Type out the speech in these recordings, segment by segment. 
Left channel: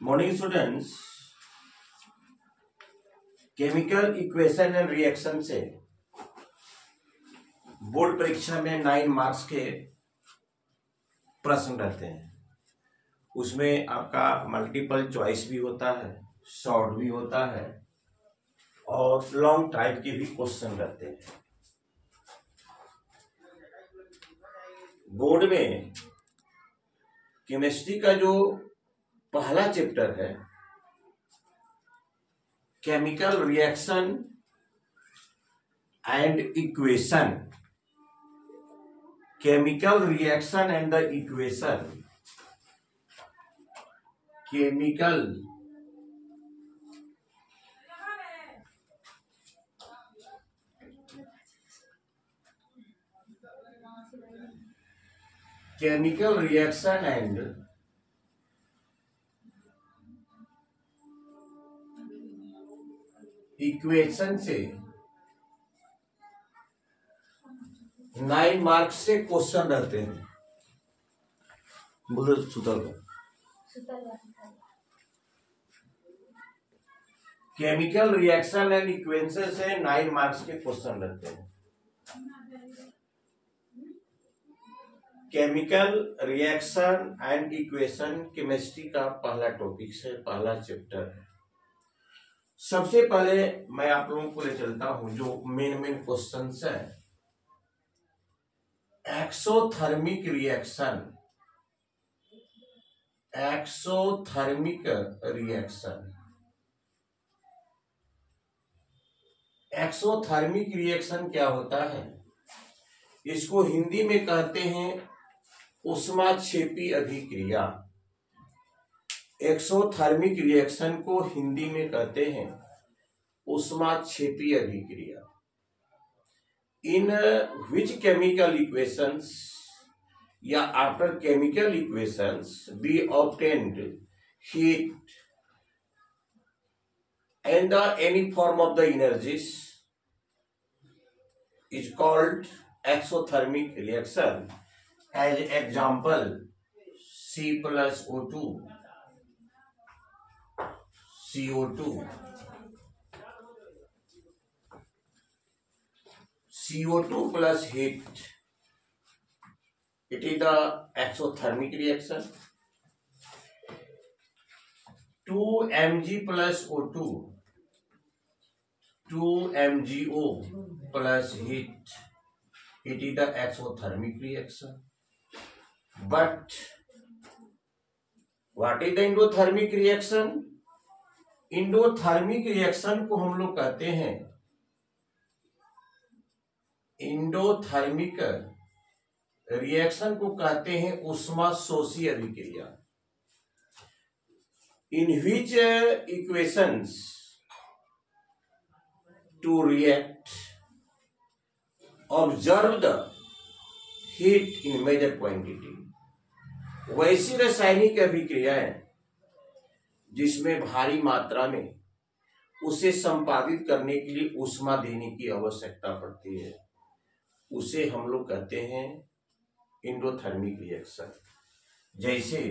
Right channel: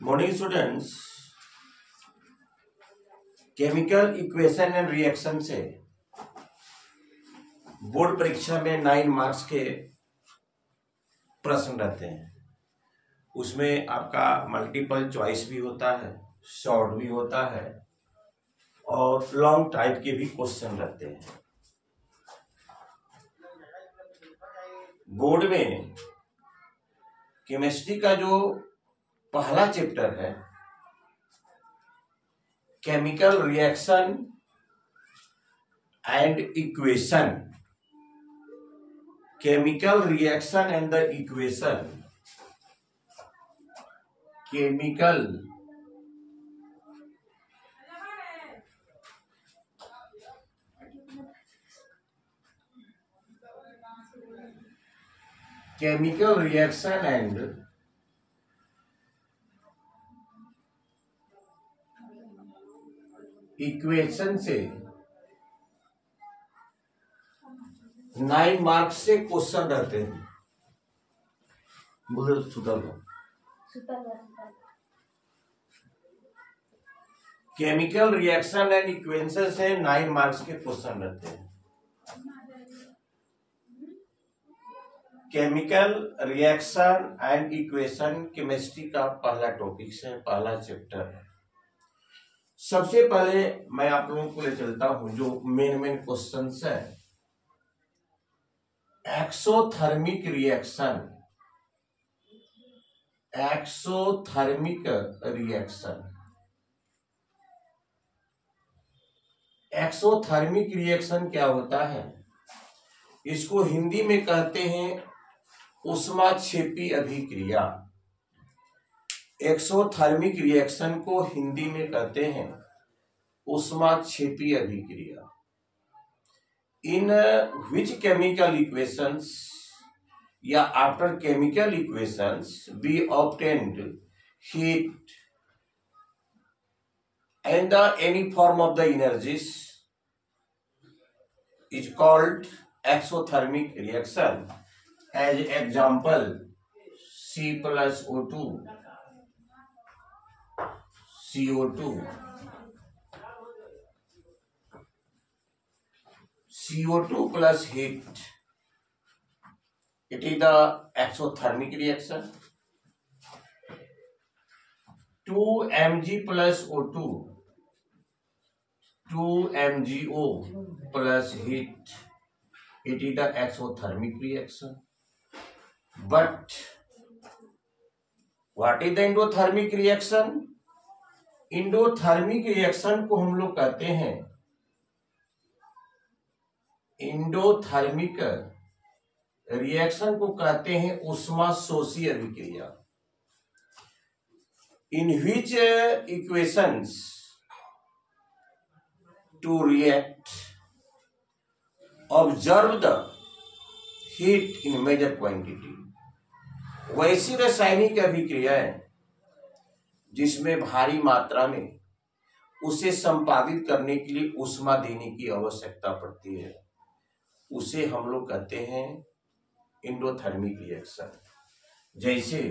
Morning students, chemical equation and reaction से board परीक्षा में 9 मार्क्स के प्रश्न रहते हैं। उसमें आपका मल्टीपल चॉइस भी होता है, शॉर्ट भी होता है और लॉन्ग टाइप के भी क्वेश्चन रहते हैं। बोर्ड में केमिस्ट्री का जो पहला चैप्टर है chemical reaction and equation, chemical reaction and the equation, chemical reaction and equation से 9 मार्क्स से क्वेश्चन रहते हैं। बोलो सुतल केमिकल रिएक्शन एंड इक्वेशन से 9 मार्क्स के क्वेश्चन रहते हैं। Chemical reaction and equation chemistry का पहला टॉपिक है, पहला चैप्टर है। सबसे पहले मैं आप लोगों को ले चलता हूं जो मेन क्वेश्चन है। Exothermic reaction, exothermic reaction, exothermic reaction क्या होता है? इसको हिंदी में कहते हैं ऊष्माक्षेपी अभिक्रिया। एक्सोथर्मिक रिएक्शन को हिंदी में कहते हैं ऊष्माक्षेपी अभिक्रिया। इन विच केमिकल इक्वेशंस या after chemical equations we obtained heat and any form of the energies is called exothermic reaction. As example, C plus O2, CO2, CO2 plus heat. It is the exothermic reaction. 2mg plus O2, 2mgO plus heat. It is the exothermic reaction. But what is the endothermic reaction? endothermic reaction को हम लोग कहते हैं endothermic reaction को कहते हैं ऊष्मा शोषी अभिक्रिया। In which equations to react observe the heat in major quantity। वैसी रासायनिक अभिक्रियाएं जिसमें भारी मात्रा में उसे संपादित करने के लिए ऊष्मा देने की आवश्यकता पड़ती है, उसे हम लोग कहते हैं एंडोथर्मिक रिएक्शन। जैसे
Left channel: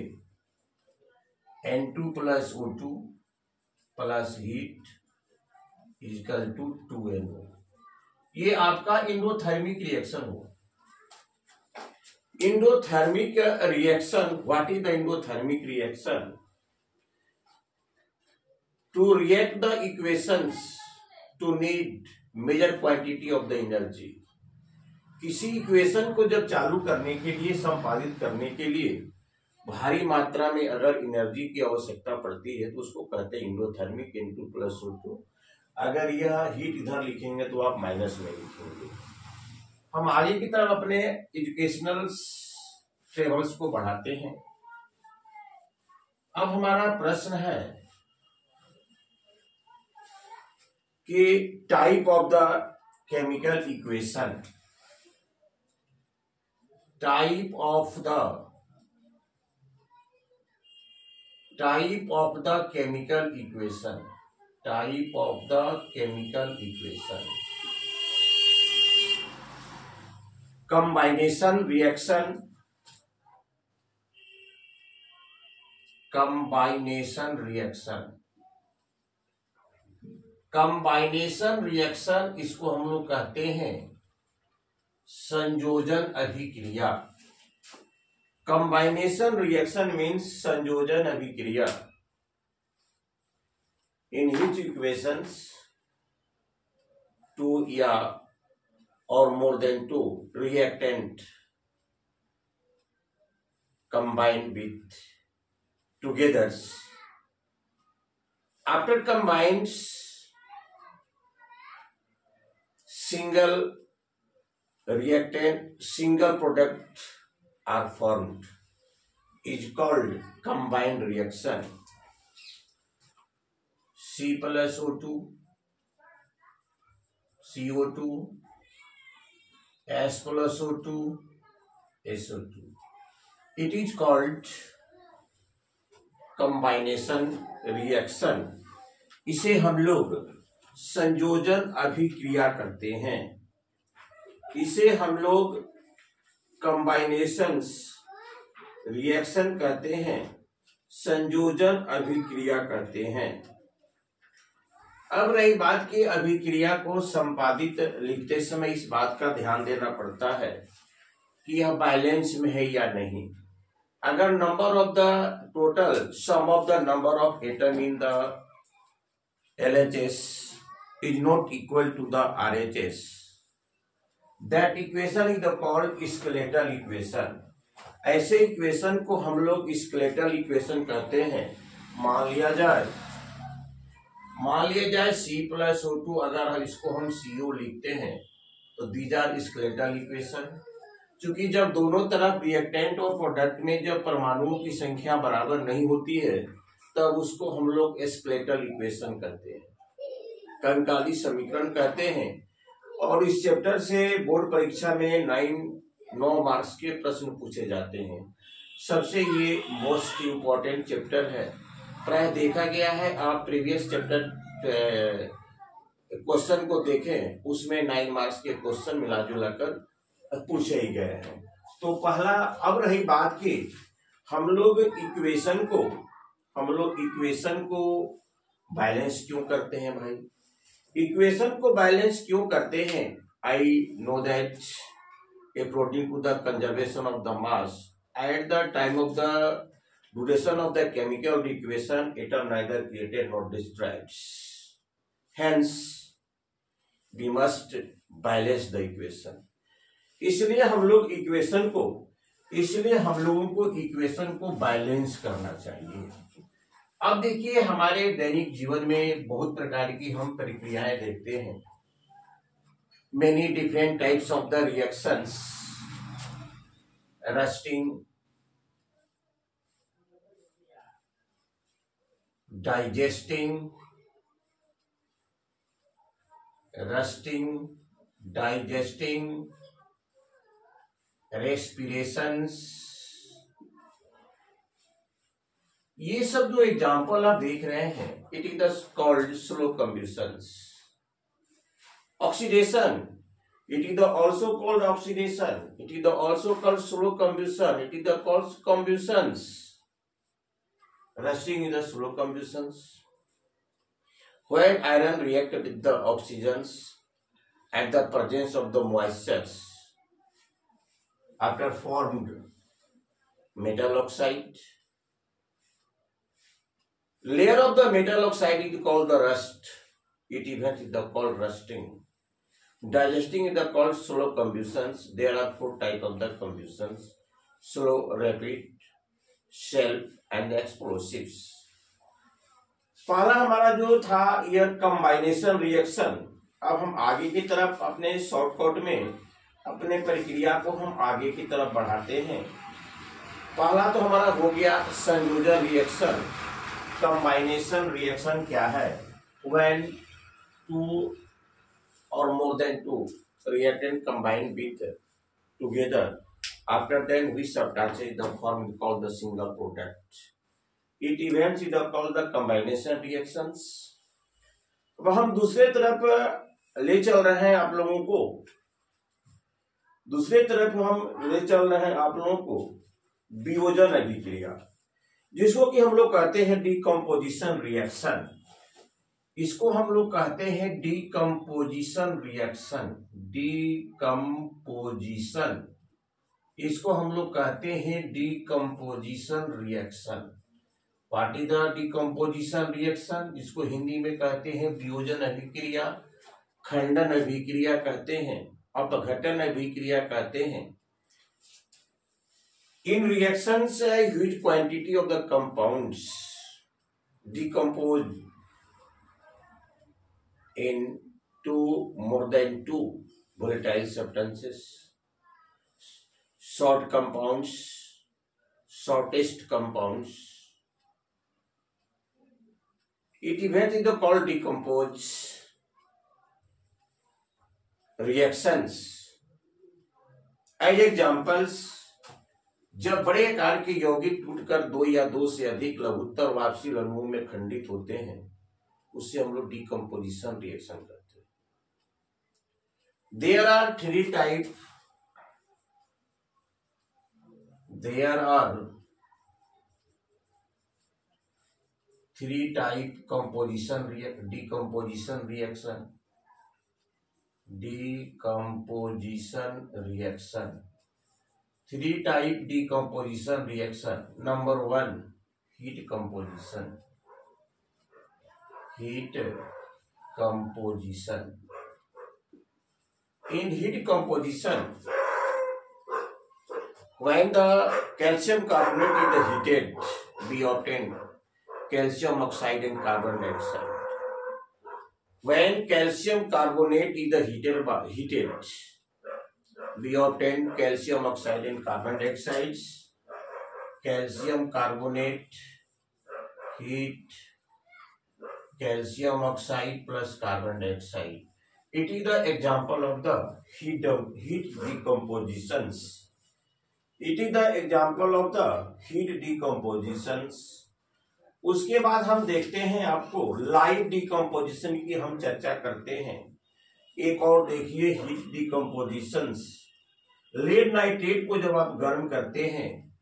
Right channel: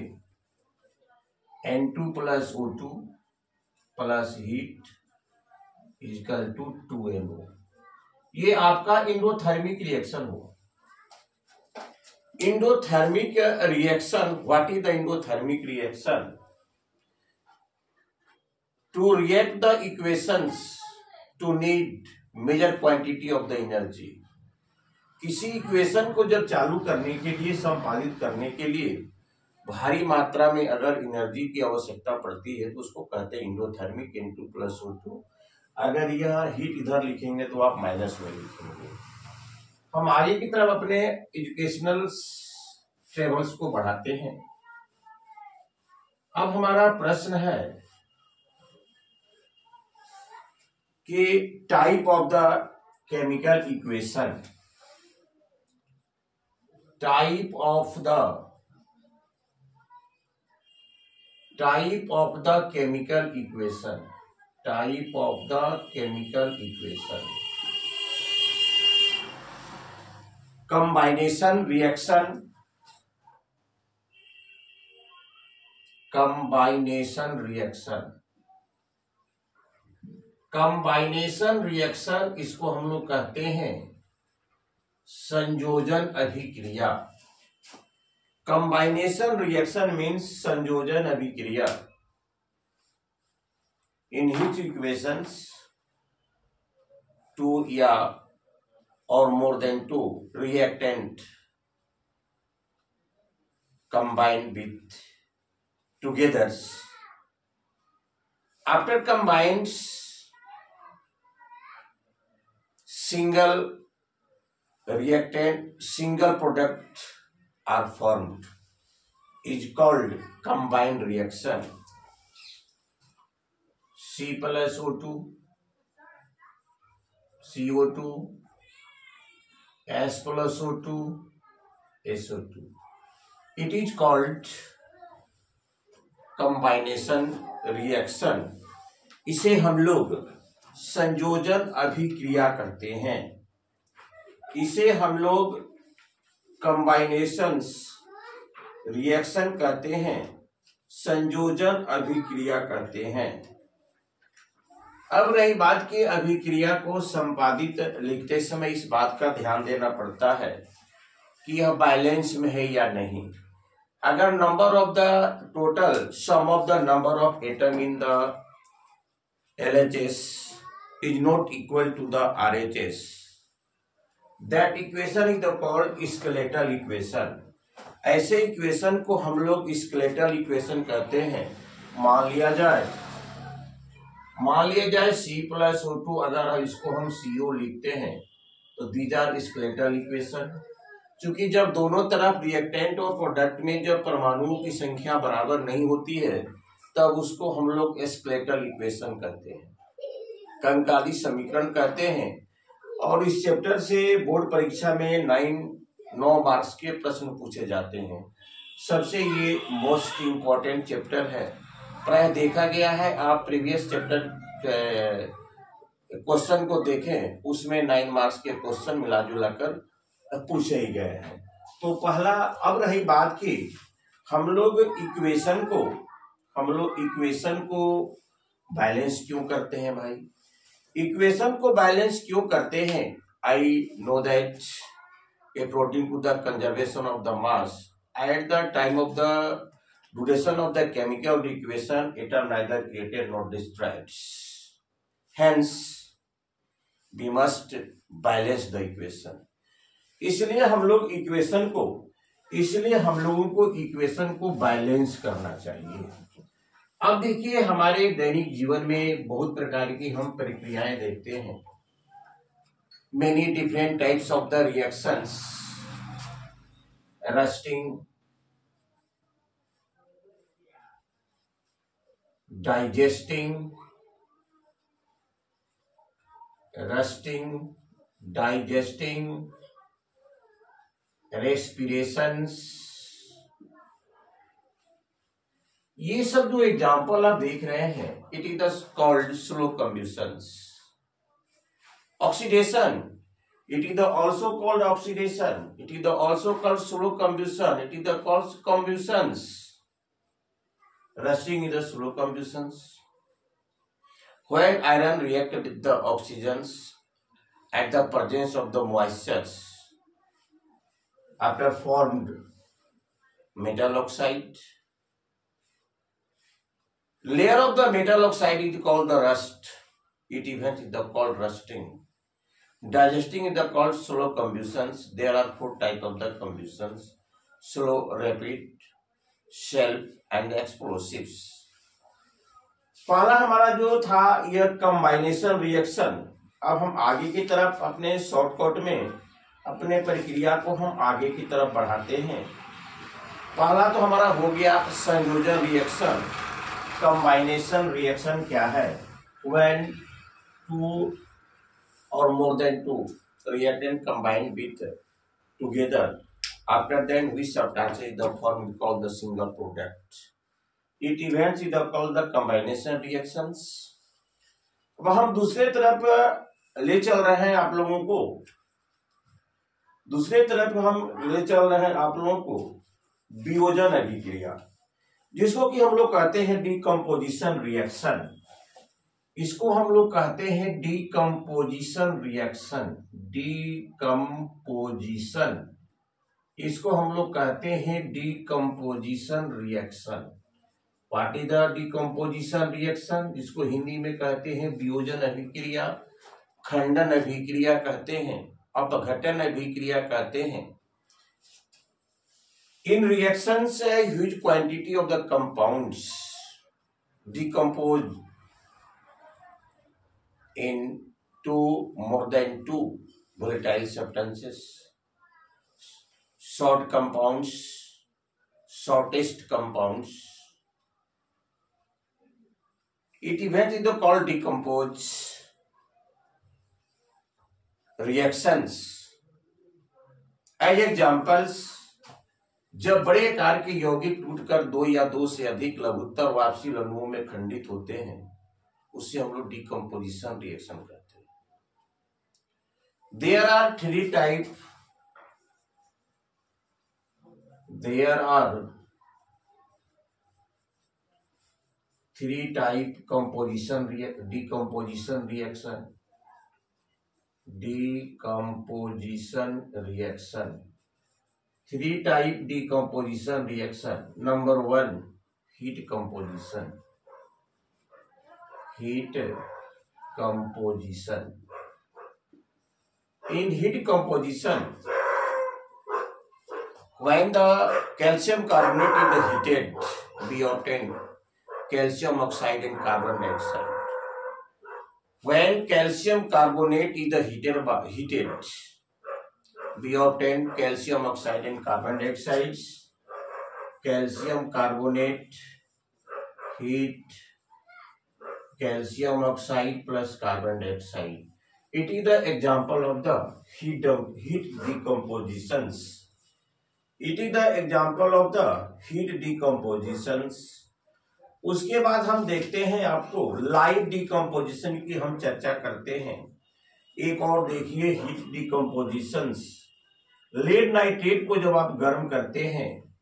N2 plus O2 plus heat is equal to 2NO। ये आपका एंडोथर्मिक रिएक्शन हो। Endothermic reaction, what is the endothermic reaction? To react the equations to need major quantity of the energy. किसी equation को जब चालू करने के लिए, संपादित करने के लिए भारी मात्रा में अगर एनर्जी की आवश्यकता पड़ती है तो उसको कहते हैं एंडोथर्मिक। N2 plus O2। अगर यह हीट इधर लिखेंगे तो आप माइनस में लिखेंगे। हम आगे की तरफ अपने एजुकेशनल टेबल्स को बढ़ाते हैं। अब हमारा प्रश्न है कि type of the chemical equation, type of the chemical equation, type of the chemical equation, combination reaction, कंबाइनेशन reaction. कंबाइनेशन reaction इसको हम लोग कहते हैं संयोजन अभिक्रिया। कंबाइनेशन रिएक्शन मीन्स संयोजन अभिक्रिया इन which equations two या or more than two reactant combine with together. After combines, single reactant, single product are formed, is called combined reaction. C plus O2, CO2, S plus O2, SO2. It is called combination reaction. इसे हम लोग संयोजन अभिक्रिया करते हैं। इसे हम लोग कम्बाइनेशंस रिएक्शन कहते हैं, संयोजन अभिक्रिया करते हैं। अब रही बात की अभिक्रिया को संपादित लिखते समय इस बात का ध्यान देना पड़ता है कि यह बैलेंस में है या नहीं। अगर number of the total sum of the number of atom in the LHS is not equal to the RHS, that equation is called skeletal equation. ऐसे इक्वेशन को हम लोग स्केलेटल इक्वेशन कहते हैं। मान लिया जाए C plus O2, अगर इसको हम CO लिखते हैं तो दीज आर स्केलेटल इक्वेशन। चूंकि जब दोनों तरफ रिएक्टेंट और प्रोडक्ट में जब परमाणुओं की संख्या बराबर नहीं होती है तब उसको हम लोग स्केलेटल इक्वेशन कहते हैं, कंकाली समीकरण कहते हैं। और इस चैप्टर से बोर्ड परीक्षा में 9 मार्क्स के प्रश्न पूछे जाते हैं। सबसे ये मोस्ट इम्पोर्टेंट चैप्टर है। प्राय देखा गया है, आप प्रीवियस चैप्टर क्वेश्चन को देखें, उसमें 9 मार्क्स के क्वेश्चन मिला जुला कर पूछे ही गए हैं। तो पहला, अब रही बात की हम लोग इक्वेशन को बैलेंस क्यों करते हैं भाई। इक्वेशन को बैलेंस क्यों करते हैं। I know that according to the conservation of the mass at the time of the duration of the chemical equation, it are neither created not destroyed, hence we must balance the equation. इसलिए हम लोगों को equation को balance करना चाहिए। अब देखिए, हमारे दैनिक जीवन में बहुत प्रकार की हम प्रक्रियाएं देखते हैं। Many different types of the reactions, rusting, digesting, respirations, ये सब जो एग्जाम्पल आप देख रहे हैं, it is called slow combustions. Oxidation, it is also called oxidation, it is also called slow combustion, it is called combustions. Rusting is the slow combustions. When iron react with the oxygens at the presence of the moistures, after formed metal oxide, layer of the metal oxide is called the rust. It event is called rusting. Digesting is called slow combustions. There are 4 types of the combustions: slow, rapid, self, and explosives. पहला हमारा जो था यह कंबाइनेशन reaction. अब हम आगे की तरफ अपने शॉर्टकट में अपने प्रक्रिया को हम आगे की तरफ बढ़ाते हैं। पहला तो हमारा हो गया संयोजन रिएक्शन। कंबाइनेशन रिएक्शन क्या है? When 2 or more than 2 reactant combine with together, after then we substantiate the form called the single product. It events is called the combination reactions. अब हम दूसरे तरफ ले चल रहे हैं आप लोगों को, वियोजन अभिक्रिया। जिसको कि हम लोग कहते हैं डिकम्पोजिशन रिएक्शन। इसको हम लोग कहते हैं डिकम्पोजिशन रिएक्शन। डिकम्पोजिशन, इसको हम लोग कहते हैं decomposition reaction. What is the decomposition reaction? इसको हिंदी में कहते हैं वियोजन अभिक्रिया, खंडन अभिक्रिया कहते हैं, अपघटन अभिक्रिया कहते हैं। In reactions, a huge quantity of the compounds decompose into more than two volatile substances. Short compounds, shortest compounds. It events is called decompose reactions. As examples, जब बड़े आकार के यौगिक टूटकर दो या दो से अधिक लघुत्तर वाष्पशील अणुओं में खंडित होते हैं, उससे हम लोग डिकम्पोजिशन रिएक्शन करते हैं। There are three type decomposition reaction. Three type decomposition reaction. Number one, heat composition. In heat composition, when the calcium carbonate is heated, we obtain calcium oxide and carbon dioxide. When calcium carbonate is heated, we obtain calcium oxide and carbon dioxide. Calcium carbonate, heat, calcium oxide plus carbon dioxide. It is the example of the heat decompositions. It is the example of the heat decompositions. उसके बाद हम देखते हैं, आपको live decomposition की हम चर्चा करते हैं। एक और देखिए हीट डिकम्पोजिशंस। लेड नाइट्रेट को जब आप गर्म करते हैं,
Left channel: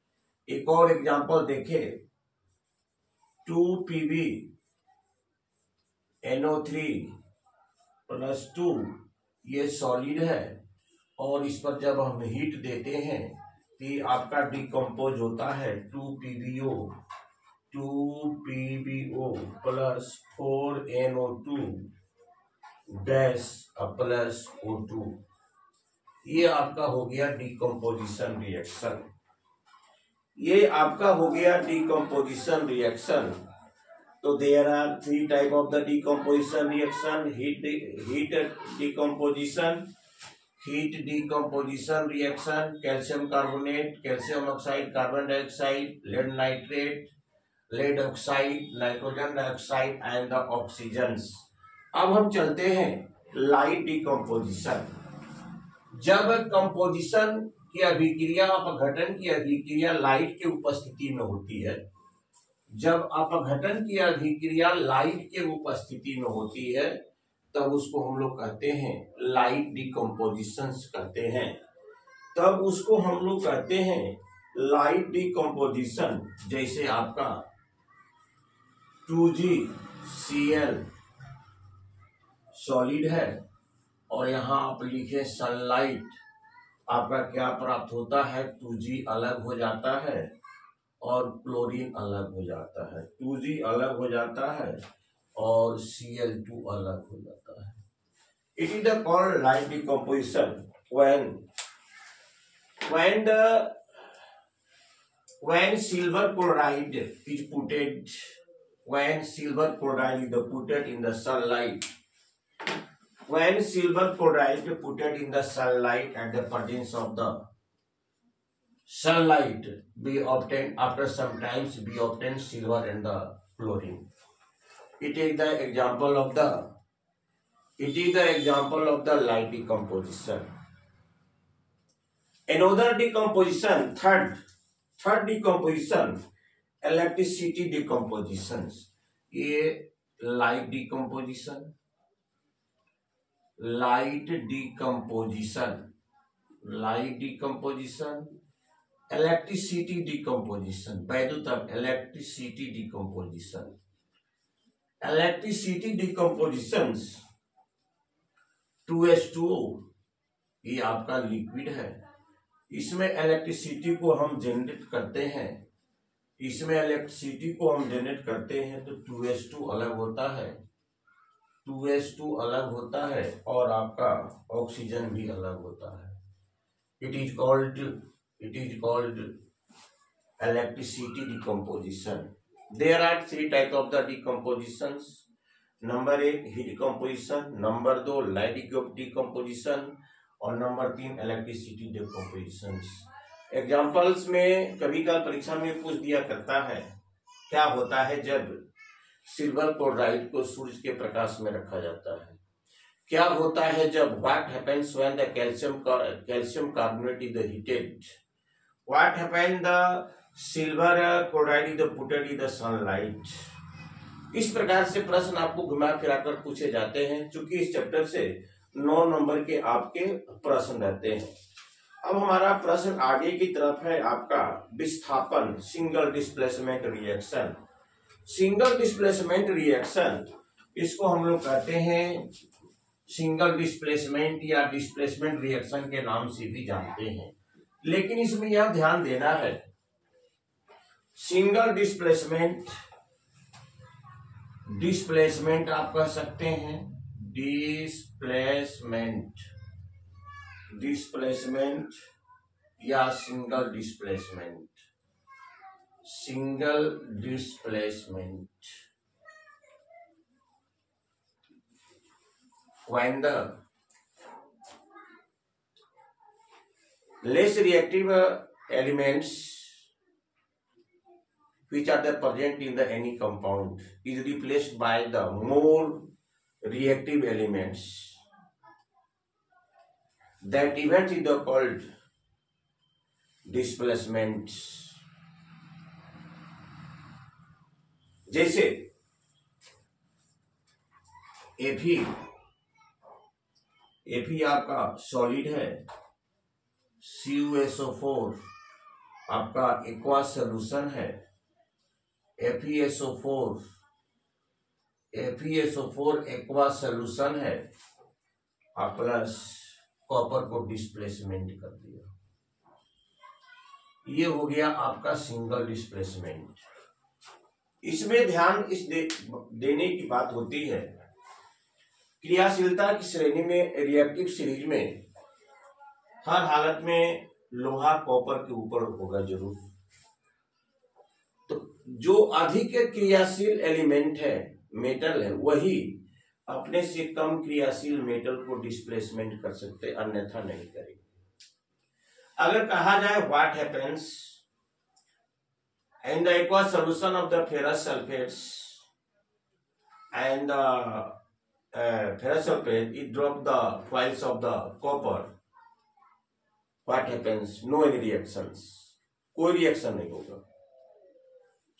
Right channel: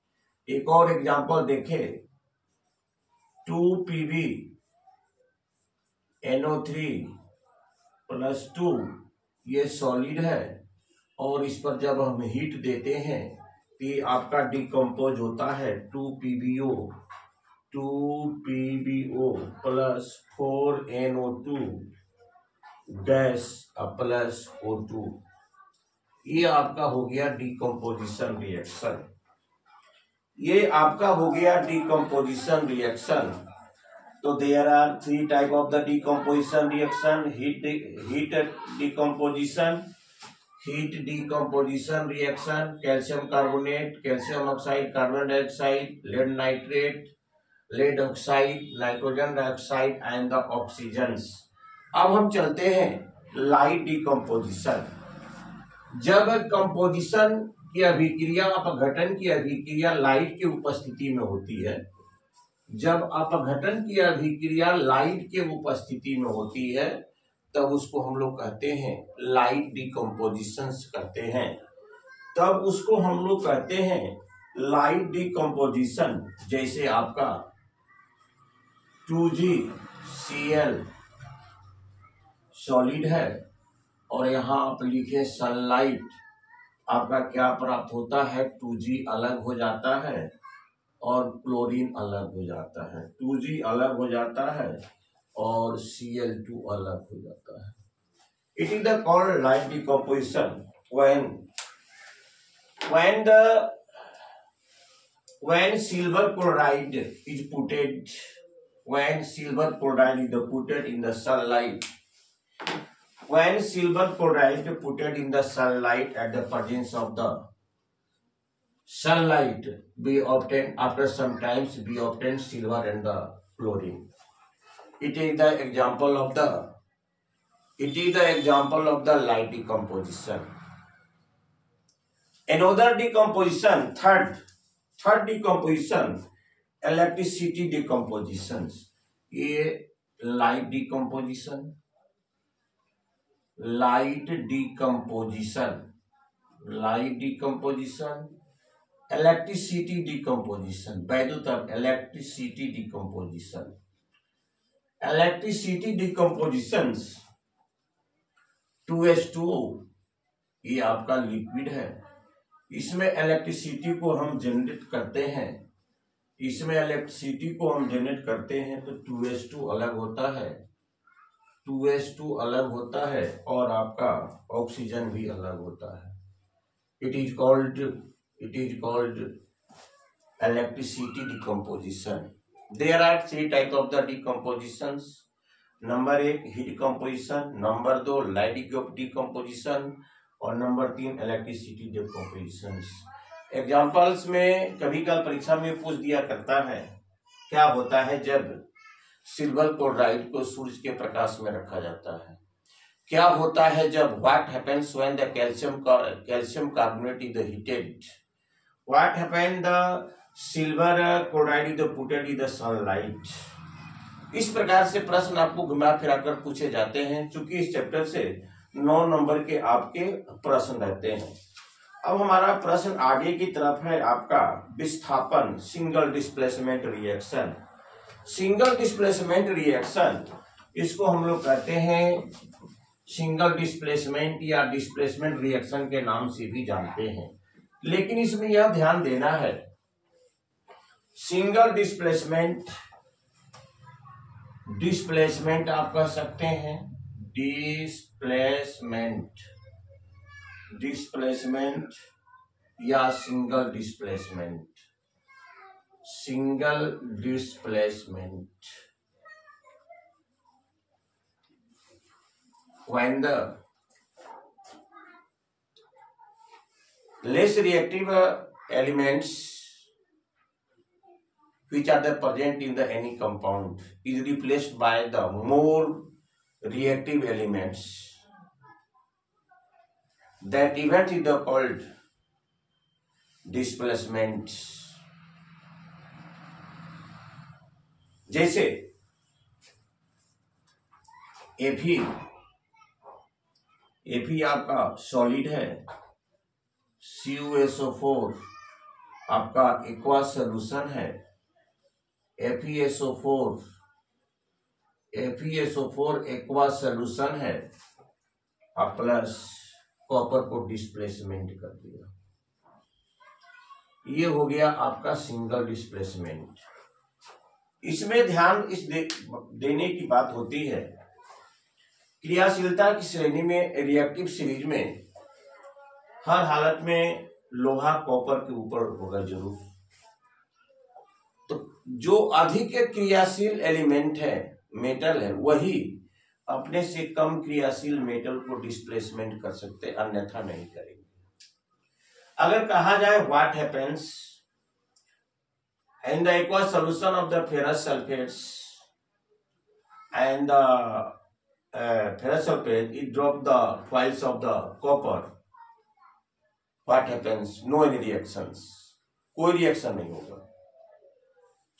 एक और एग्जांपल देखें, 2PbNO3+2, ये सॉलिड है और इस पर जब हम हीट देते हैं तो ये आपका डिकम्पोज होता है 2PbO+4NO2 गैस प्लस O2। ये आपका हो गया डिकम्पोजिशन रिएक्शन। ये आपका हो गया डिकम्पोजिशन रिएक्शन। तो there are three type of the decomposition reaction. Heat decomposition reaction, calcium carbonate, calcium oxide, carbon dioxide, lead nitrate, lead oxide, nitrogen dioxide and the oxygens. अब हम चलते हैं लाइट डिकम्पोजिशन। जब कंपोजिशन की अभिक्रिया, अपघटन की अभिक्रिया लाइट की उपस्थिति में होती है, जब अपघटन की अभिक्रिया लाइट के उपस्थिति में होती है, तब उसको हम लोग कहते हैं लाइट डिकम्पोजिशन करते हैं। तब उसको हम लोग कहते हैं लाइट डिकम्पोजिशन। जैसे आपका 2GCl सॉलिड है और यहां आप लिखे सनलाइट, आपका क्या प्राप्त होता है, 2G अलग हो जाता है और क्लोरीन अलग हो जाता है। 2G अलग हो जाता है और Cl2 अलग हो जाता है। It is the called light decomposition when silver chloride is put in the sunlight. When silver chloride put in the sunlight at the presence of the sunlight, we obtain after some times we obtain silver and the chlorine. It is the example of the light decomposition. Another decomposition, third decomposition, electricity decompositions. ये light decomposition, light decomposition electricity decomposition, वैद्युत electricity decomposition, electricity decomposition 2H2O, ये आपका liquid है, इसमें electricity को हम generate करते हैं, इसमें इलेक्ट्रिसिटी को हम जनरेट करते हैं तो 2H2 अलग होता है, 2H2 अलग होता है और आपका ऑक्सीजन भी अलग होता है। It is called electricity decomposition. There are 3 type of the decompositions. Number 1 heat composition, number 2 light decomposition और नंबर 3 इलेक्ट्रिसिटी डिकम्पोजिशन। एग्जाम्पल्स में कभी कभी परीक्षा में पूछ दिया करता है, क्या होता है जब सिल्वर क्लोराइड को सूर्य के प्रकाश में रखा जाता है, क्या होता है जब what happens when the calcium carbonate is heated, what happen the silver chloride is putted in the sunlight. इस प्रकार से प्रश्न आपको घुमा फिरा कर पूछे जाते हैं, चूंकि इस चैप्टर से 9 नंबर के आपके प्रश्न रहते हैं। अब हमारा प्रश्न आगे की तरफ है आपका विस्थापन, single displacement reaction. Single displacement reaction, इसको हम लोग कहते हैं सिंगल डिस्प्लेसमेंट या डिस्प्लेसमेंट रिएक्शन के नाम से भी जानते हैं, लेकिन इसमें यह ध्यान देना है, सिंगल डिस्प्लेसमेंट आप कह सकते हैं, डिस्प्लेसमेंट या single displacement, when the less reactive elements which are present in the any compound is replaced by the more reactive elements, that event is called displacement। जैसे Fe आपका सॉलिड है, CuSO4 आपका aqua solution है, FeSO4 aqua solution है और plus copper को displacement कर दिया, ये हो गया आपका सिंगल डिस्प्लेसमेंट। इसमें ध्यान देने की बात होती है, क्रियाशीलता की श्रेणी में रिएक्टिव सीरीज में हर हालत में लोहा कॉपर के ऊपर होगा जरूर, तो जो अधिक क्रियाशील एलिमेंट है, मेटल है, वही अपने से कम क्रियाशील मेटल को डिस्प्लेसमेंट कर सकते, अन्यथा नहीं करेंगे। अगर कहा जाए what happens in the aqua solution of the ferrous sulphates and the ferrous sulfate, it drop the coils of the copper, what happens? No any reactions, कोई रिएक्शन नहीं होगा,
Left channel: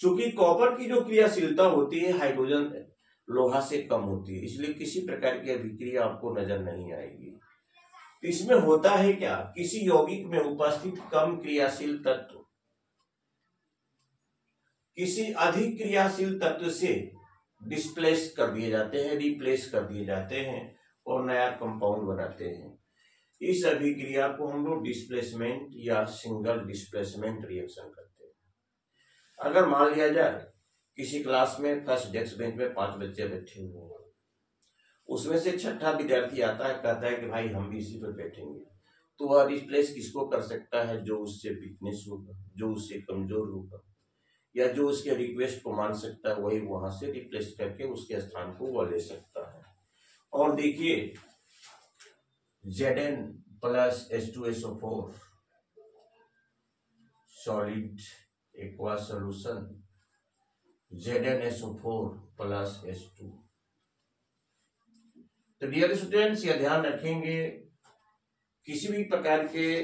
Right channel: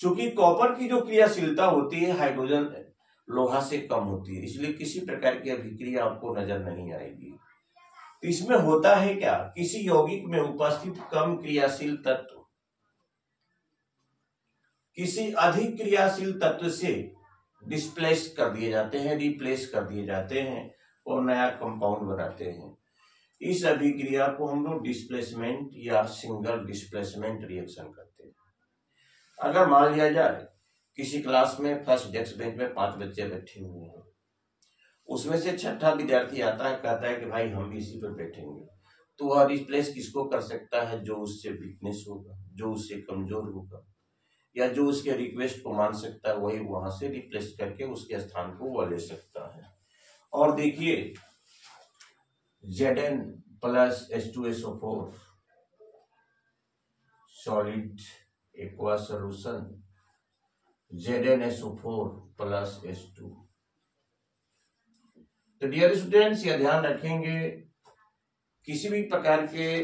चूंकि कॉपर की जो क्रियाशीलता होती है हाइड्रोजन लोहा से कम होती है, इसलिए किसी प्रकार की अभिक्रिया आपको नजर नहीं आएगी। इसमें होता है क्या, किसी यौगिक में उपस्थित कम क्रियाशील तत्व किसी अधिक क्रियाशील तत्व से डिस्प्लेस कर दिए जाते हैं, रिप्लेस कर दिए जाते हैं और नया कंपाउंड बनाते हैं। इस अभिक्रिया को हम लोग डिस्प्लेसमेंट या सिंगल डिस्प्लेसमेंट रिएक्शन करते हैं। अगर मान लिया जाए किसी क्लास में फर्स्ट डेस्क बेंच में 5 बच्चे बैठे हुए हैं, उसमें से छठा विद्यार्थी आता है, कहता है कि भाई हम भी इसी पर बैठेंगे, तो वह रिप्लेस किसको कर सकता है? जो उससे वीकनेस होगा, जो उससे कमजोर होगा, या जो उसके रिक्वेस्ट को मान सकता है, वही वहां से रिप्लेस करके उसके स्थान को वह ले सकता है। और देखिए Zn plus H2SO4 solid aqua solution, ZnSO4 plus H2। तो डियर स्टूडेंट्स, यह ध्यान रखेंगे, किसी भी प्रकार के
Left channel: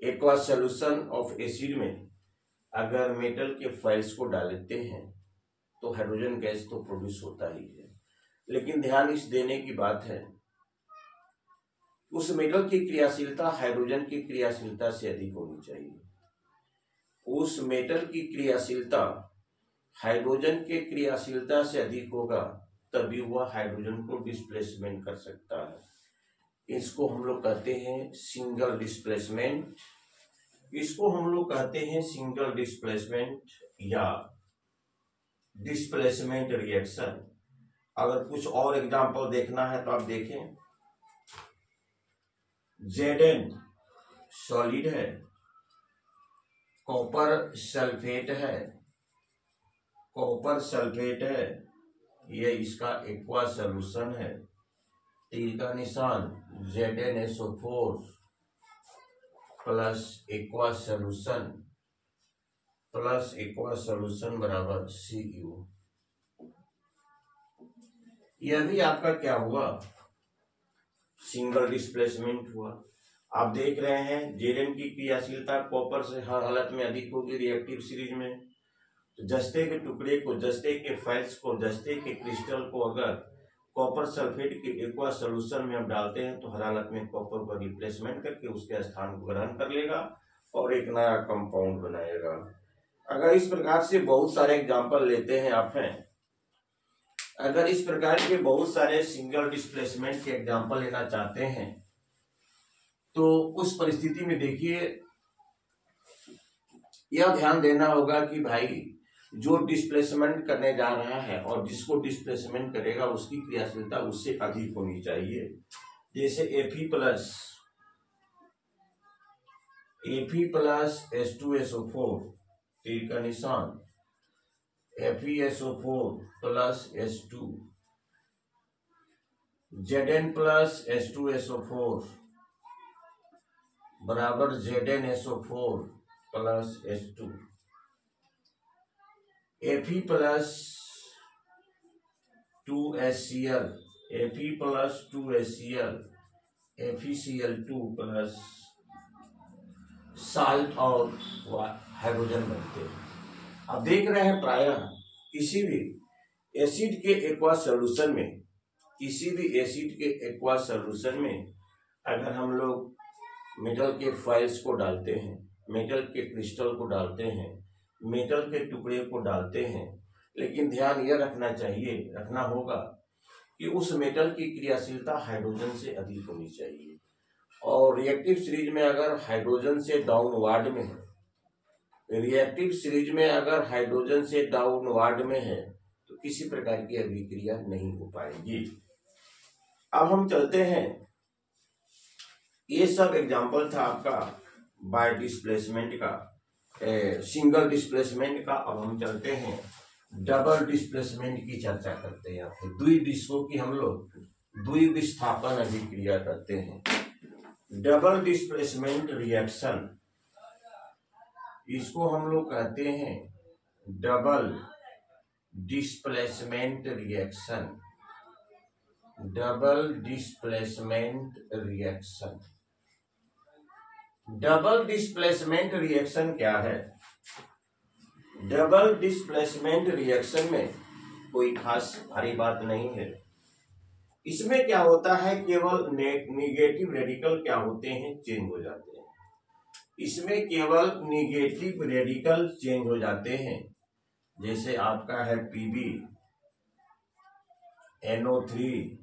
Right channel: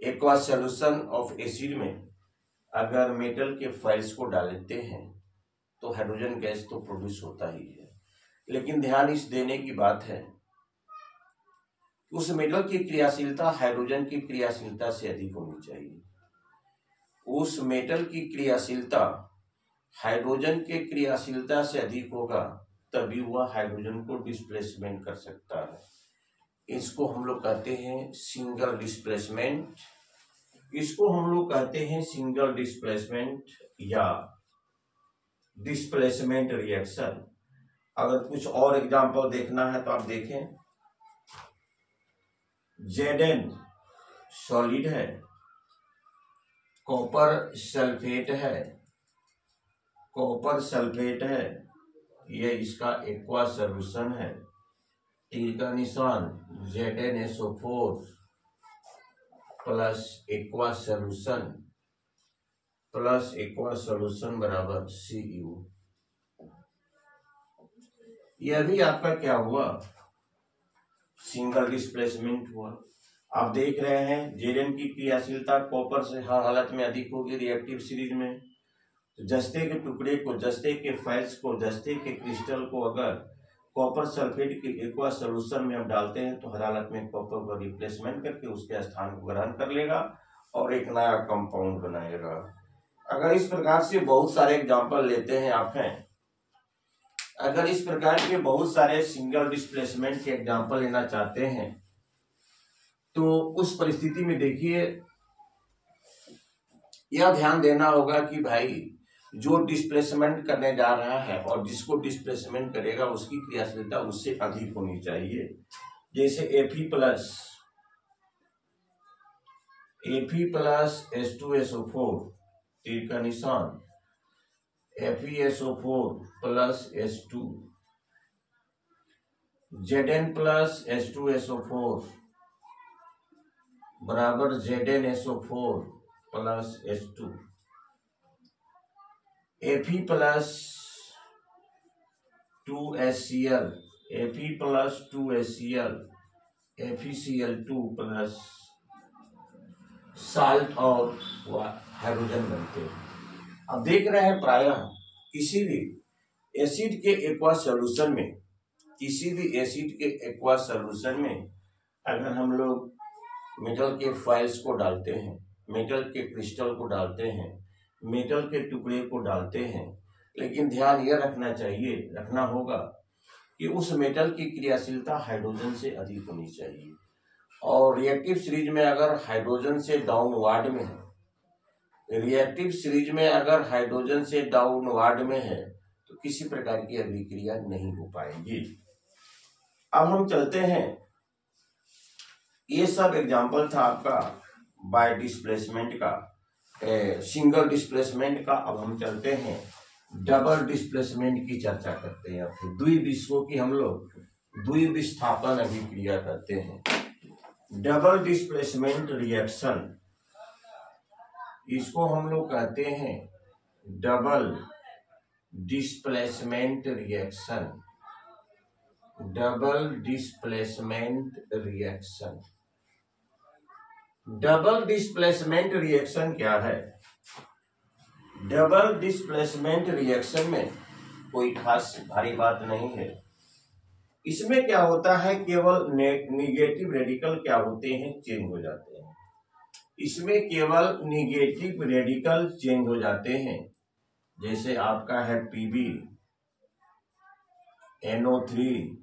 एक्वा सोल्यूशन ऑफ एसिड में अगर मेटल के फाइल्स को डालते हैं तो हाइड्रोजन गैस तो प्रोड्यूस होता ही है, लेकिन ध्यान इस देने की बात है उस मेटल की क्रियाशीलता हाइड्रोजन की क्रियाशीलता से अधिक होनी चाहिए। उस मेटल की क्रियाशीलता हाइड्रोजन के क्रियाशीलता से अधिक होगा तभी वह हाइड्रोजन को डिस्प्लेसमेंट कर सकता है। इसको हम लोग कहते हैं सिंगल डिस्प्लेसमेंट। इसको हम लोग कहते हैं सिंगल डिस्प्लेसमेंट या डिस्प्लेसमेंट रिएक्शन। अगर कुछ और एग्जांपल देखना है तो आप देखें, Zn सॉलिड है, कॉपर सल्फेट है, कॉपर सल्फेट है, ये इसका एक्वा सॉल्यूशन है। तीर का निशान ZnSO4 प्लस एक्वा सॉल्यूशन बराबर Cu। यह भी आपका क्या हुआ, सिंगल डिस्प्लेसमेंट हुआ। आप देख रहे हैं Zn की क्रियाशीलता कॉपर से हर हालत में अधिक होगी रिएक्टिव सीरीज में। तो जस्ते के टुकड़े को, जस्ते के फाइल्स को, जस्ते के क्रिस्टल को अगर कॉपर सल्फेट के एक्वा सॉल्यूशन में आप डालते हैं तो हर हालत में कॉपर को रिप्लेसमेंट करके उसके स्थान को ग्रहण कर लेगा और एक नया कंपाउंड बनाएगा। अगर इस प्रकार से बहुत सारे एग्जांपल लेते हैं आप हैं, अगर इस प्रकार के बहुत सारे सिंगल डिस्प्लेसमेंट के एग्जांपल लेना चाहते हैं तो उस परिस्थिति में देखिए यह ध्यान देना होगा कि भाई जो डिस्प्लेसमेंट करने जा रहा है और जिसको डिस्प्लेसमेंट करेगा उसकी क्रियाशीलता उससे अधिक होनी चाहिए। जैसे Fe प्लस H2SO4, तीर का निशान FeSO4 plus H2, Zn plus H2SO4 बराबर ZnSO4 plus H2, Fe plus 2HCl, Fe plus 2HCl, FeCl2 plus salt और हाइड्रोजन बनते हैं। अब देख रहे हैं प्रायः किसी भी एसिड के एक्वा सॉल्यूशन में, किसी भी एसिड के एक्वा सॉल्यूशन में अगर हम लोग मेटल के फाइल्स को डालते हैं, मेटल के क्रिस्टल को डालते हैं, मेटल के टुकड़े को डालते हैं, लेकिन ध्यान यह रखना होगा कि उस मेटल की क्रियाशीलता हाइड्रोजन से अधिक होनी चाहिए। और रिएक्टिव सीरीज में अगर हाइड्रोजन से डाउनवार्ड में है, रिएक्टिव सीरीज में अगर हाइड्रोजन से डाउनवार्ड में है तो किसी प्रकार की अभिक्रिया नहीं हो पाएगी। अब हम चलते हैं, ये सब एग्जांपल था आपका बाय डिस्प्लेसमेंट का, सिंगल डिस्प्लेसमेंट का। अब हम चलते हैं डबल डिस्प्लेसमेंट की चर्चा करते हैं। फिर द्विविष्कों की हम लोग द्विविस्थापन अभिक्रिया करते हैं। डबल डिस्प्लेसमेंट रिएक्शन, इसको हम लोग कहते हैं double displacement reaction. Double displacement reaction, double displacement reaction क्या है? डबल डिस्प्लेसमेंट रिएक्शन में कोई खास भारी बात नहीं है। इसमें क्या होता है, केवल निगेटिव रेडिकल क्या होते हैं, चेंज हो जाते हैं। इसमें केवल निगेटिव रेडिकल चेंज हो जाते हैं। जैसे आपका है Pb NO3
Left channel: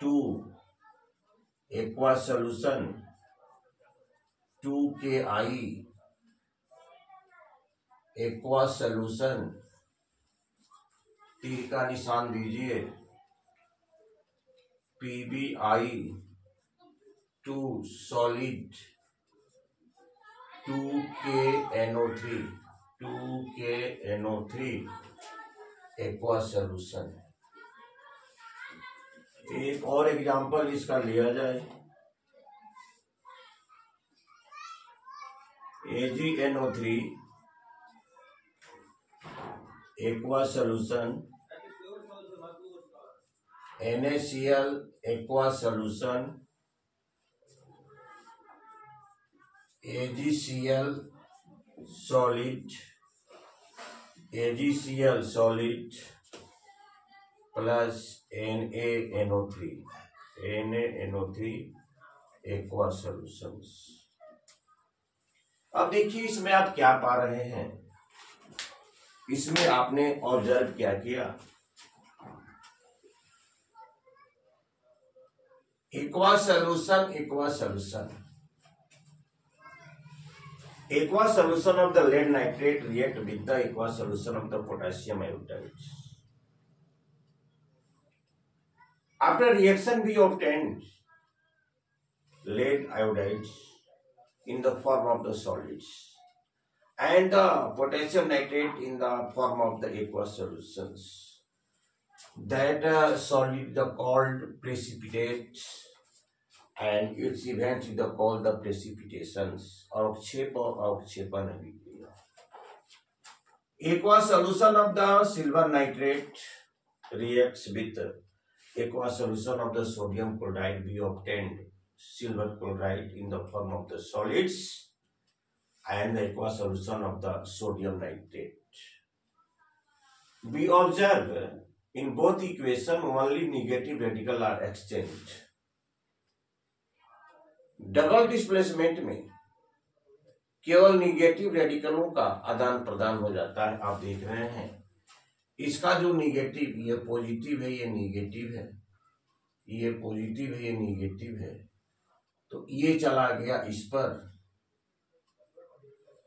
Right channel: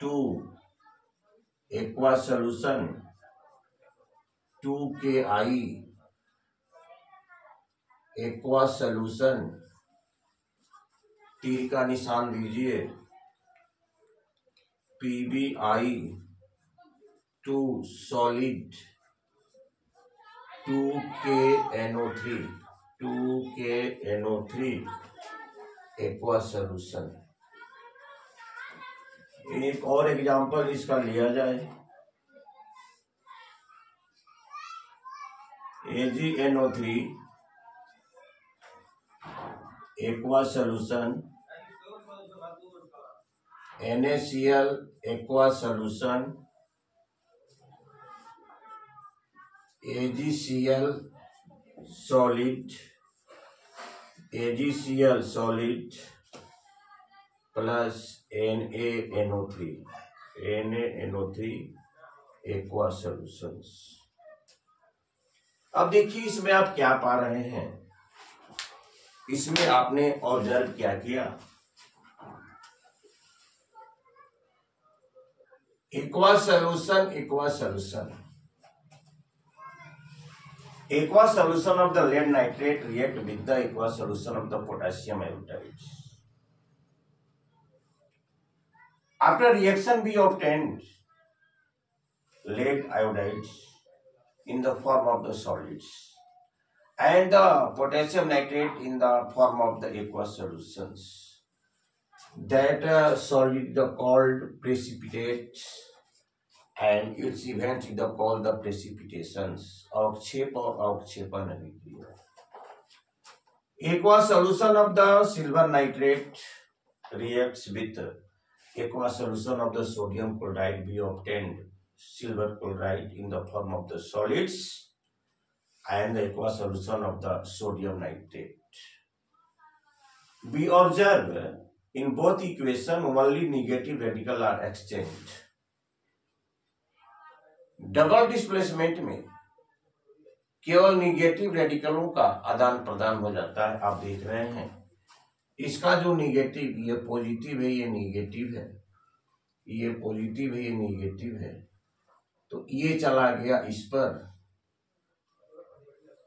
2 aqua solution 2KI aqua solution, तीर का निशान दीजिए PbI 2 solid 2KNO3 aqua solution. एक और एग्जांपल इसका लिया जाए, AgNO3 aqua solution, NaCl aqua solution, AgCl solid plus NaNO3 aqua solutions. अब देखिए इसमें आप क्या पा रहे हैं, इसमें आपने ऑब्जर्व क्या किया, aqua solution, aqua solution, aqua solution of the lead nitrate react with the aqua solution of the potassium iodide. After reaction we obtained lead iodide in the form of the solids and the potassium nitrate in the form of the aqua solutions. That solid the called precipitate and its events is the called the precipitations. अवक्षेप और अवक्षेपण अभिक्रिया। Aqua solution of the silver nitrate reacts with aqua solution of the sodium chloride. We obtained silver chloride in the form of the solids and the aqua solution of the sodium nitrate. We observe in both equation only negative radical are exchanged. Double displacement में केवल negative रेडिकलों का आदान प्रदान हो जाता है। आप देख रहे हैं इसका जो निगेटिव, ये पॉजिटिव है, ये निगेटिव है, ये पॉजिटिव है, ये निगेटिव है, तो ये चला गया इस पर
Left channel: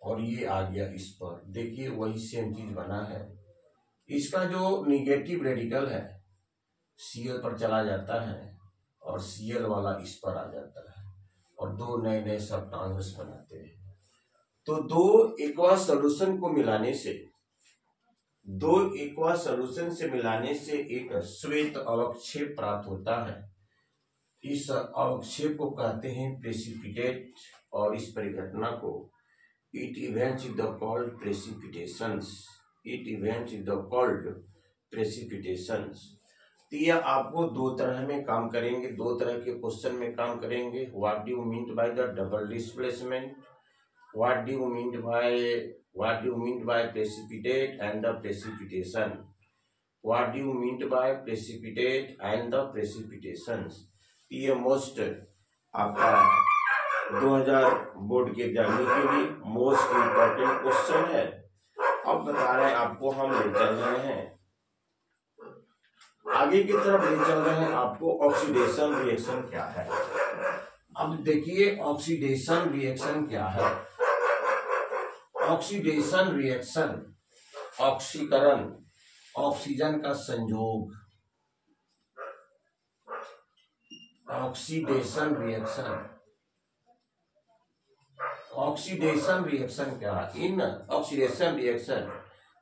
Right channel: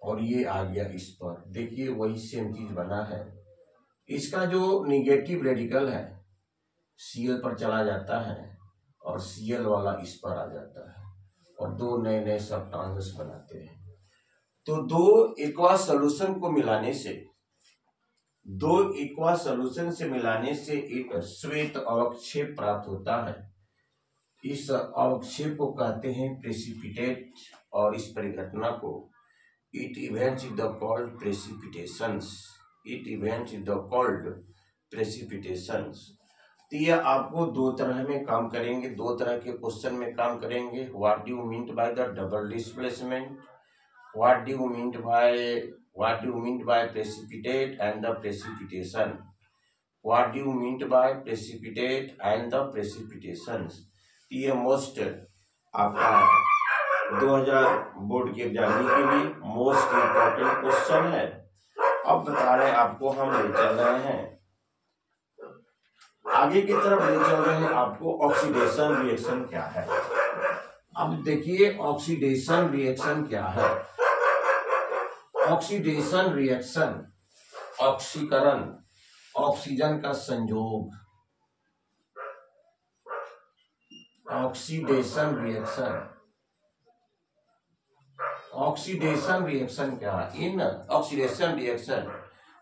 और ये आ गया इस पर। देखिए वही सेम चीज बना है। इसका जो निगेटिव रेडिकल है Cl पर चला जाता है और Cl वाला इस पर आ जाता है और दो नए नए सब्सटेंसेस बनाते हैं। तो दो एक्वा सॉल्यूशन को मिलाने से, दो एक्वा सॉल्यूशन से मिलाने से एक श्वेत अवक्षेप प्राप्त होता है। इस अवक्षेप को कहते हैं प्रेसिपिटेट और इस परिघटना को it events is the called precipitations. It events is the called precipitations. तो यह आपको दो तरह में काम करेंगे, दो तरह के क्वेश्चन में काम करेंगे। What do you mean by the double displacement, what do you mean by precipitate and the precipitation, what do you mean by precipitate and the precipitations. ये मोस्ट आपका 2000 बोर्ड के एग्जाम के लिए मोस्ट इंपॉर्टेंट क्वेश्चन है। अब बता रहे हैं आपको, हम ले चल रहे हैं आगे की तरफ, ले चल रहे हैं आपको ऑक्सीडेशन रिएक्शन क्या है। अब देखिए ऑक्सीडेशन रिएक्शन क्या है। ऑक्सीडेशन रिएक्शन, ऑक्सीकरण, ऑक्सीजन का संयोग, ऑक्सीडेशन रिएक्शन। ऑक्सीडेशन रिएक्शन क्या है? In oxidation reaction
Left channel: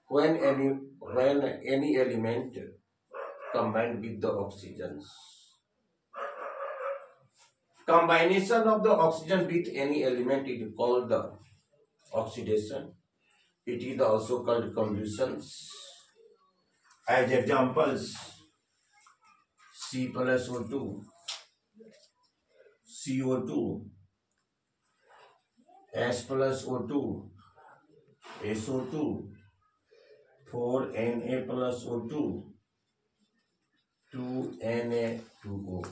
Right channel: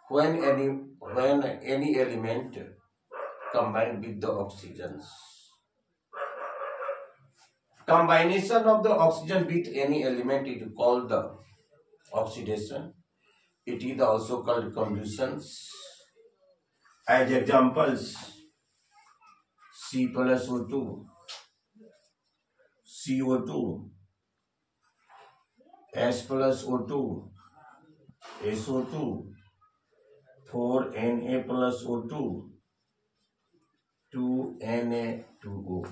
when any element combined with the oxygens, combination of the oxygen with any element is called the oxidation. It is also called combustions. As examples, C plus O2, CO2, S plus O2, SO2, 4Na plus O2, 2Na2O।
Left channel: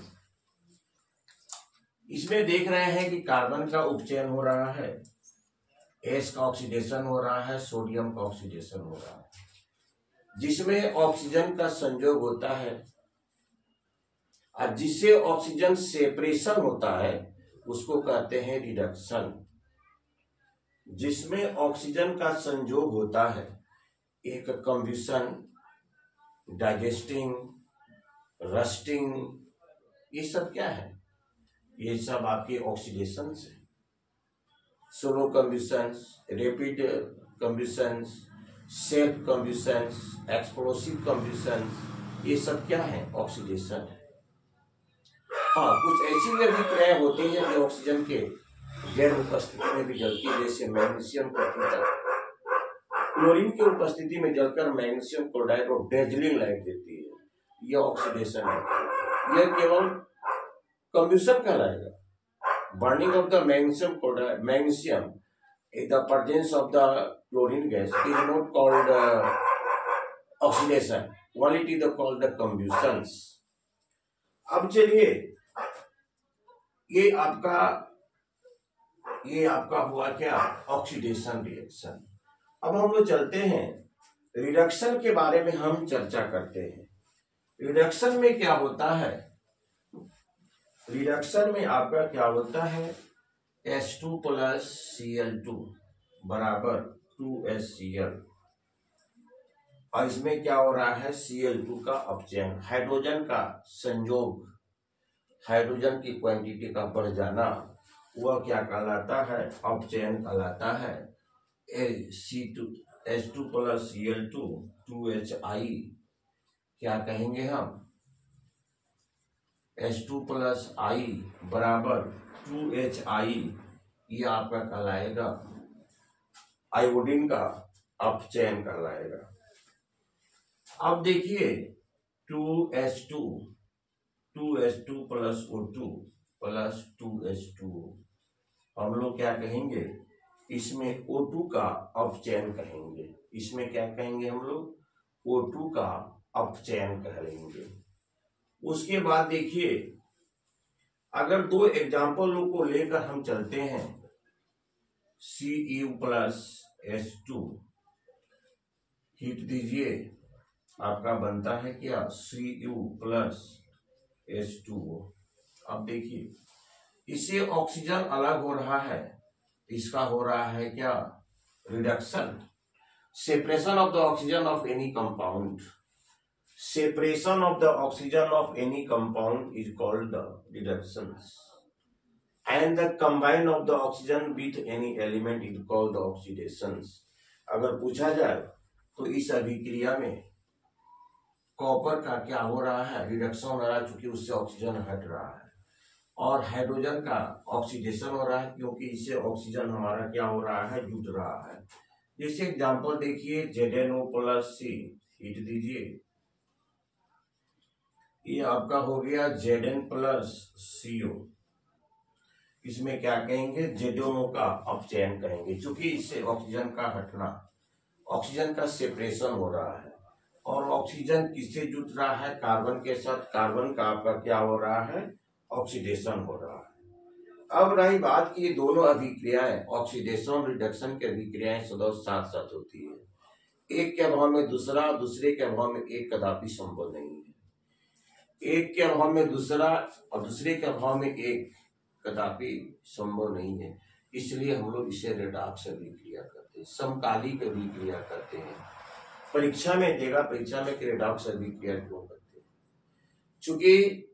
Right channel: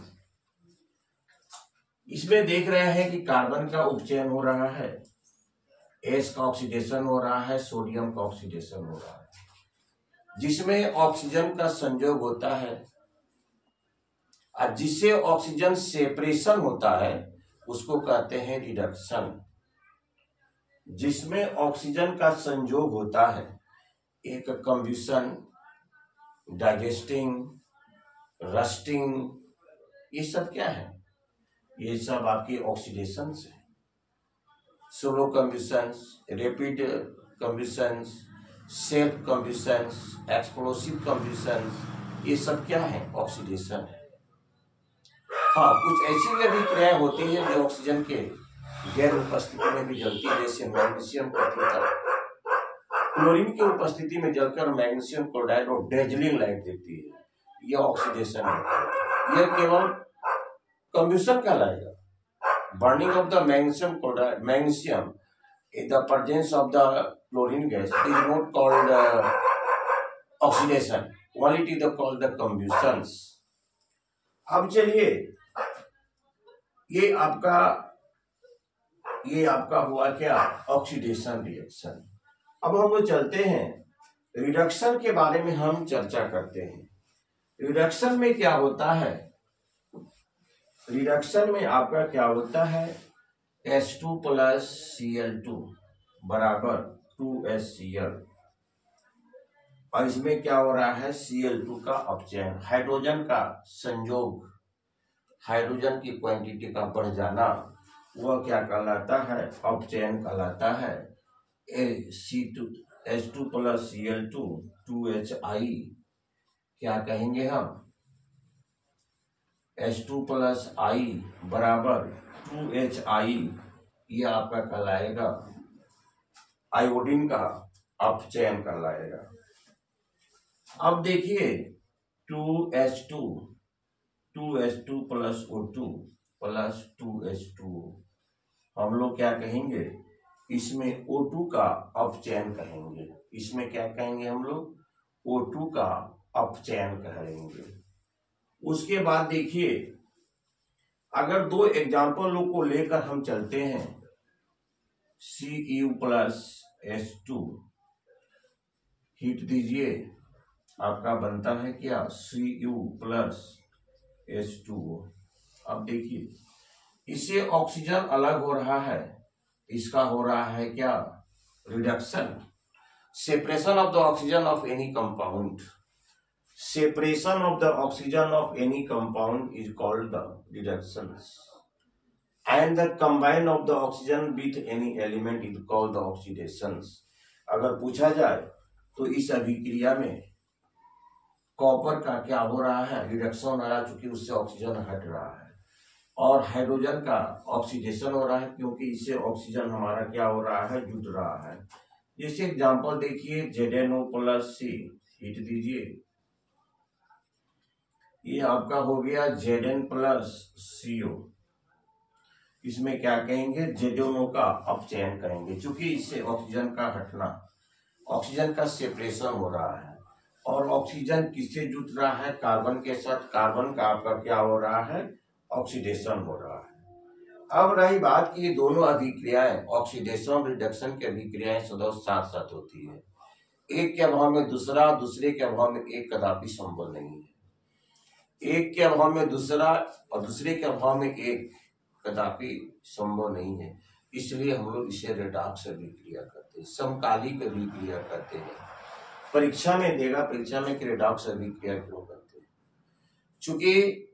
इसमें देख रहे हैं कि carbon का उपचयन हो रहा है, S का ऑक्सीडेशन हो रहा है, सोडियम का ऑक्सीडेशन हो रहा है। जिसमें ऑक्सीजन का संयोग होता है और जिससे ऑक्सीजन सेपरेशन होता है उसको कहते हैं रिडक्शन। जिसमें ऑक्सीजन का संयोग होता है, एक कंब्यूशन, डाइजेस्टिंग, रस्टिंग, ये सब क्या है? ये सब आपके ऑक्सीडेशंस है। सोलो कंब्यूशंस, रैपिड कंब्यूशंस, सेल्फ कंब्यूशंस, एक्सप्लोसिव कंब्यूशंस, ये सब क्या है? ऑक्सीडेशन है। हाँ, कुछ ऐसी भी अभिक्रियाएं होती है जो ऑक्सीजन के गैर उपस्थिति में भी जलती है, जैसे मैग्नीशियम क्लोराइड क्लोरीन की उपस्थिति में जलकर मैग्नीशियम क्लोराइड और डेजलिंग लाइट देती है, यह ऑक्सीडेशन है। यह केवल कंब्यूशन कहलाएगा। Burning of the magnesium chloride, magnesium in the presence of the chlorine gas is not called oxidation, only it is called the combustions. अब चलिए ये आपका हुआ क्या, ऑक्सीडेशन रिएक्शन। अब हम लोग चलते हैं रिडक्शन के बारे में, हम चर्चा करते हैं। रिडक्शन में क्या होता है, रिडक्शन में आपका क्या होता है, H2 प्लस Cl2 बराबर 2HCl, और इसमें क्या हो रहा है, Cl2 का अपचयन, हाइड्रोजन का संयोग, हाइड्रोजन की क्वांटिटी का बढ़ जाना, वह क्या कहलाता है, अपचयन कहलाता है। H2 प्लस Cl2 2HI, क्या कहेंगे हम, H2 प्लस I बराबर 2HI, ये आपका कहलाएगा आयोडीन का अपचयन कहलाएगा। अब देखिए 2H2 plus O2 plus 2H2O, हम लोग क्या कहेंगे, इसमें O2 का अपचयन कहेंगे, इसमें क्या कहेंगे हम लोग, O2 का अपचयन कहेंगे। उसके बाद देखिए, अगर दो एग्जाम्पल को लेकर हम चलते हैं, Cu प्लस H2, हीट दीजिए, आपका बनता है क्या, Cu प्लस H2O। अब देखिए, इससे ऑक्सीजन अलग हो रहा है, इसका हो रहा है क्या, reduction, separation of the oxygen of any compound, separation of the oxygen of any compound is called the reductions, and the combine of the oxygen with any element is called the oxidations। अगर पूछा जाए तो इस अभिक्रिया में copper का क्या हो रहा है, रिडक्शन हो रहा है, चूंकि उससे ऑक्सीजन हट रहा है, और हाइड्रोजन का ऑक्सीडेशन हो रहा है, क्योंकि इससे ऑक्सीजन हमारा क्या हो रहा है, जुट रहा है। जैसे एग्जांपल देखिए, ZnO प्लस C, हीट दीजिए, ये आपका हो गया Zn प्लस CO, इसमें क्या कहेंगे, ZnO का अपचयन कहेंगे, क्योंकि इससे ऑक्सीजन का हटना, ऑक्सीजन का सेपरेशन हो रहा है, और ऑक्सीजन किससे जुट रहा है, कार्बन के साथ, कार्बन का आपका क्या हो रहा है, ऑक्सीडेशन हो रहा है। अब रही बात की, दोनों अभिक्रियाएं, ऑक्सीडेशन रिडक्शन की अभिक्रियाएं सदैव साथ साथ होती है, एक के अभाव में दूसरा, दूसरे के अभाव में एक कदापि संभव नहीं है, एक के अभाव में दूसरा और दूसरे के अभाव में एक कदापि संभव नहीं है। इसलिए हम लोग इसे रेडॉक्स अभिक्रिया करते हैं, समकालिक अभिक्रिया करते हैं। परीक्षा में देगा, परीक्षा में रेडॉक्स अभिक्रिया क्यों करते हैं, चूंकि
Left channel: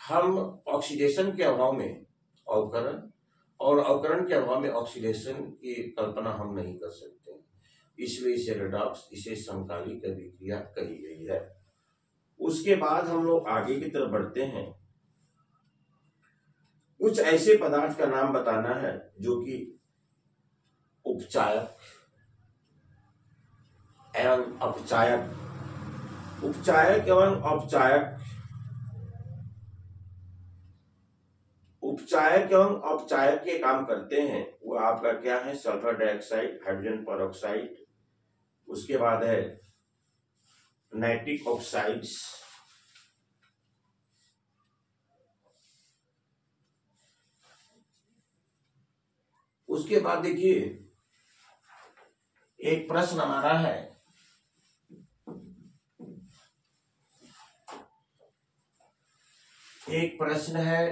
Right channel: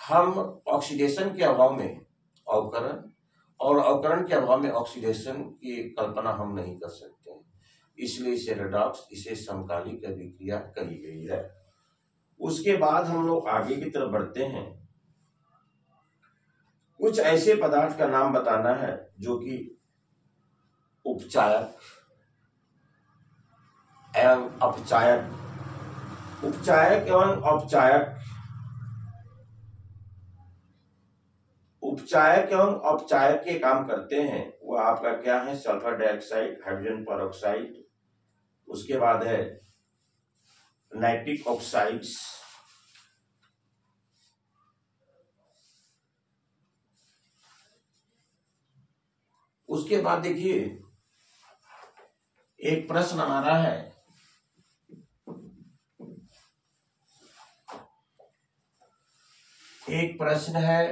हम ऑक्सीडेशन के अभाव में अवकरण और अवकरण के अभाव में ऑक्सीडेशन की कल्पना हम नहीं कर सकते, इसलिए इसे रेडॉक्स, इसे समकालिक अभिक्रिया कही गई है। उसके बाद हम लोग आगे की तरफ बढ़ते हैं, कुछ ऐसे पदार्थ का नाम बताना है जो कि उपचायक एवं अपचायक, उपचायक एवं औपचायक, उपचायक एवं औपचायक के काम करते हैं। वो आपका क्या है, सल्फर डाइऑक्साइड, हाइड्रोजन पेरोक्साइड, उसके बाद है नाइट्रिक ऑक्साइड्स, उसके बाद देखिए एक प्रश्न हमारा है, एक प्रश्न है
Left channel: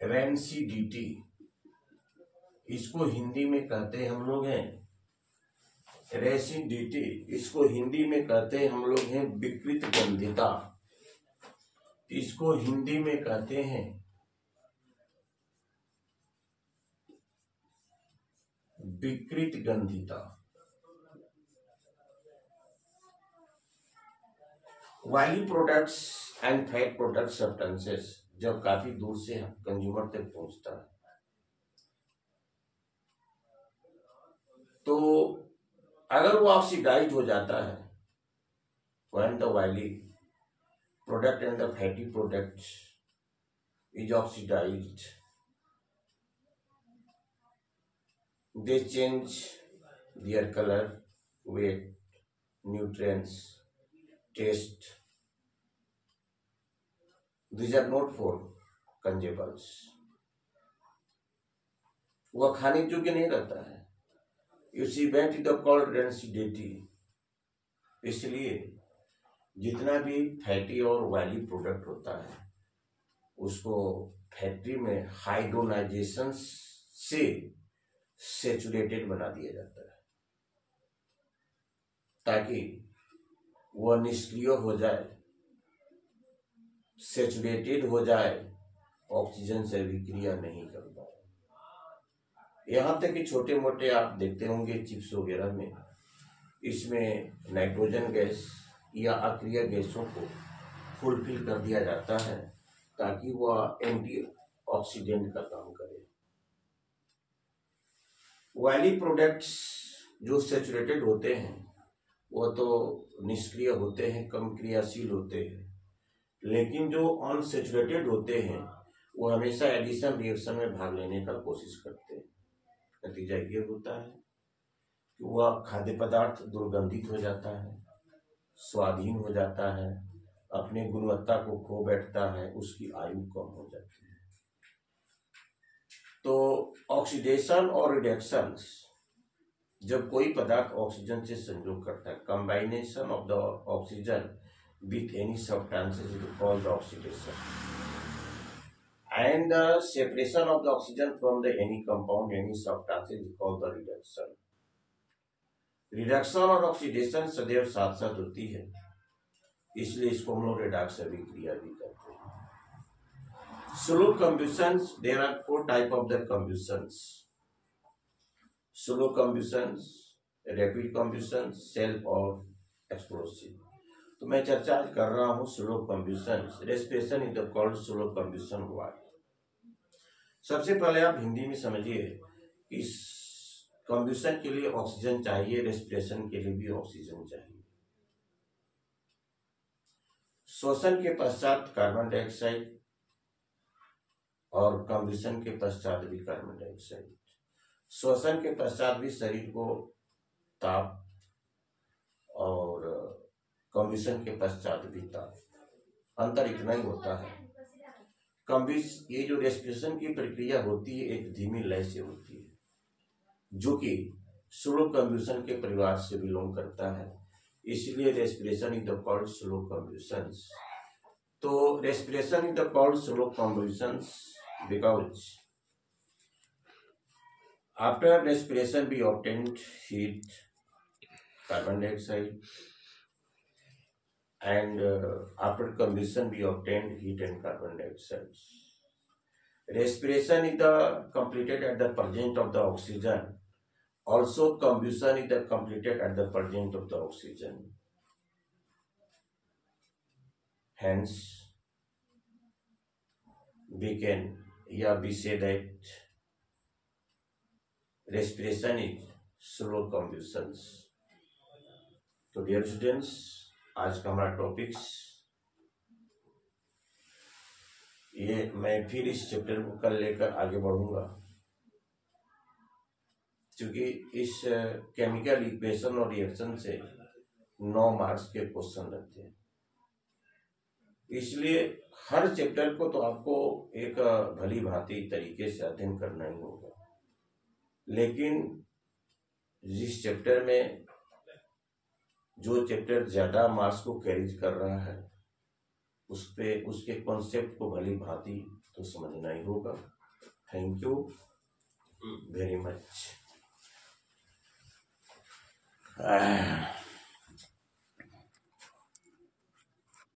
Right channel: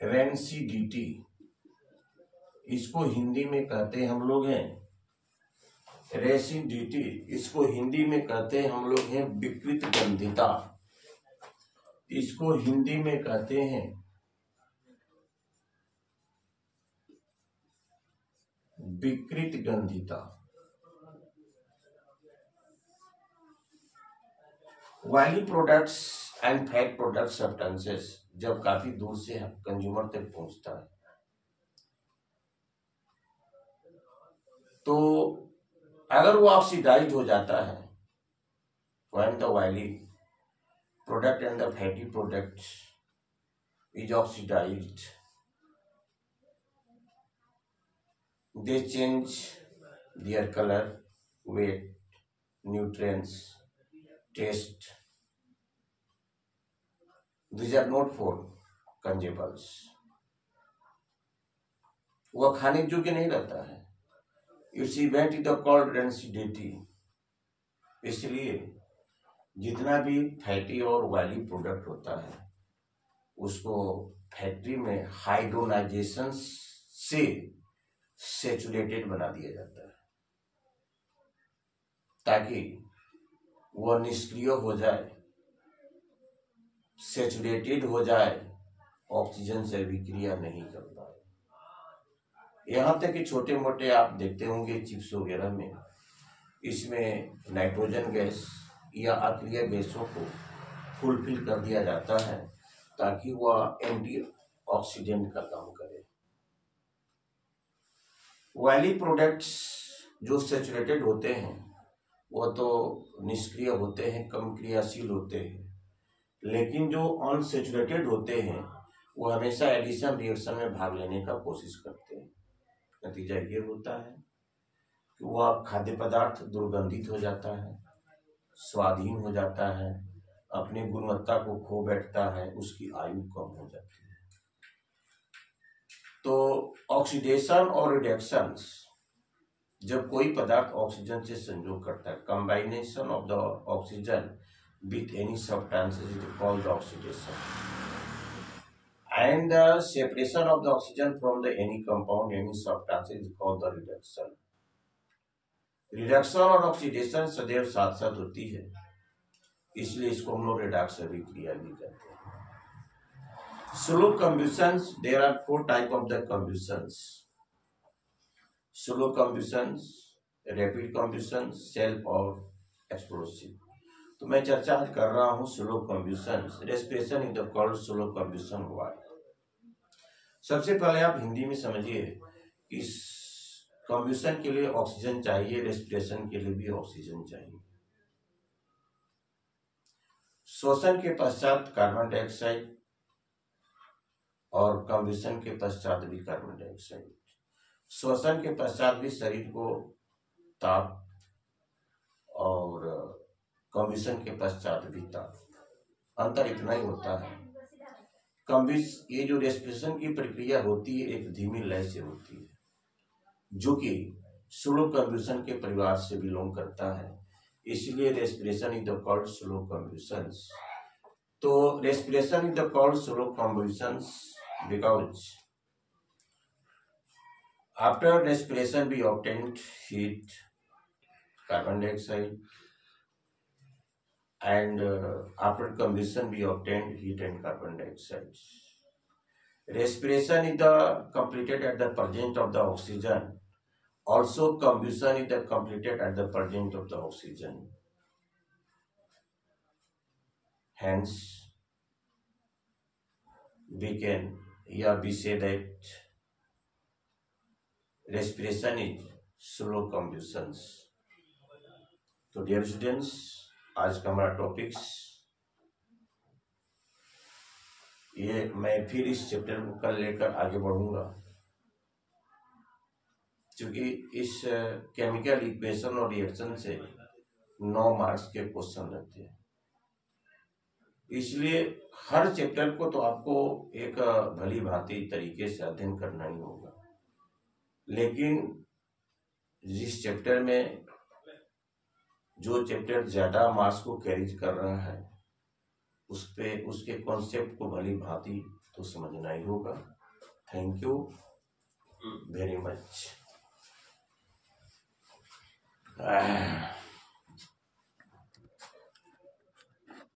रेंसिडिटी, इसको हिंदी में कहते हैं हम लोग हैं रेसिडिटी, इसको हिंदी में कहते हैं हम लोग हैं विकृत गंधिता, इसको हिंदी में कहते हैं विकृत गंधिता। Oily products and fat product substances जब काफी दूर से कंज्यूमर तक पहुंचता है तो अगर वो ऑक्सीडाइज हो जाता है, when the oily product and the fatty product is oxidized, they change their color, weight, nutrients, taste, These are not for consumables. वह खाने योग्य नहीं रहता है. It's event is the called density. इसलिए जितना भी फैटी और ऑयली प्रोडक्ट होता है उसको फैक्ट्री में हाइड्रोनाइजेशन से सेचुरेटेड बना दिया जाता है ताकि वह निष्क्रिय हो जाए, सेचुरेटेड हो जाए, ऑक्सीजन से विक्रिया नहीं कर पाए. यहाँ तक कि छोटे मोटे आप देखते होंगे चिप्स वगैरह में, इसमें नाइट्रोजन गैस या अक्रिय गैसों को फुलफिल कर दिया जाता है ताकि वह एंटीऑक्सीडेंट का काम करे. ऑयली प्रोडक्ट्स जो सेचुरेटेड होते हैं वह तो निष्क्रिय होते हैं, कम क्रियाशील होते हैं, लेकिन जो अनसेचुरेटेड होते हैं वो हमेशा एडिशन रिएक्शन में भाग लेने का कोशिश करते हैं. नतीजा ये होता है कि वह खाद्य पदार्थ दुर्गंधित हो जाता है, स्वादहीन हो जाता है, अपने गुणवत्ता को खो बैठता है, उसकी आयु कम हो जाती है. तो ऑक्सीडेशन और रिडक्शन, जब कोई पदार्थ ऑक्सीजन से संयोग करता है, कंबाइनेशन of the oxygen with any substances is called oxidation, and the separation of the oxygen from the any compound any substances is called the reduction. Reduction और ऑक्सीडेशन सदैव साथ साथ होती है, इसलिए इसको हम लोग रिडक्स अभिक्रिया भी कहते हैं. Slow combustions, there are 4 type of the combustions: slow combustions, rapid combustions, self और एक्सप्लोसिव. तो मैं चर्चा आज कर रहा हूं slow combustions. Respiration is the called slow combustion. Why? सबसे पहले आप हिंदी में समझिए कि कंबस्शन के लिए ऑक्सीजन चाहिए, रेस्पिरेशन के लिए भी ऑक्सीजन चाहिए. श्वसन के पश्चात कार्बन डाइऑक्साइड और कंबस्शन के पश्चात भी कार्बन डाइऑक्साइड. श्वसन के पश्चात भी शरीर को ताप और कंबस्शन के पश्चात भी ताप. अंतर इतना ही होता है. ये जो रेस्पिरेशन की प्रक्रिया होती है एक धीमी लय से होती है जो कि स्लो कंबस्शन के परिवार से बिलोंग करता है, इसलिए respiration is the called slow combustions. तो respiration is the called slow combustions because after respiration we obtained heat, carbon dioxide, and after combustion we obtained heat and carbon dioxide. Respiration is the completed at the presence of the oxygen. Also combustion is the completed at the presence of the oxygen. Hence we say that respiration is slow combustions. तो dear students, आज का हमारा topics ये, मैं फिर इस chapter को कल लेकर आगे बढ़ूंगा क्योंकि इस केमिकल इक्वेशन और रिएक्शन से 9 मार्क्स के क्वेश्चन रहते हैं. इसलिए हर चैप्टर को तो आपको एक भली भांति तरीके से अध्ययन करना ही होगा, लेकिन जिस चैप्टर में जो चैप्टर ज्यादा मार्क्स को कैरी कर रहा है उसके कॉन्सेप्ट को भली भांति तो समझना ही होगा. Thank you very much.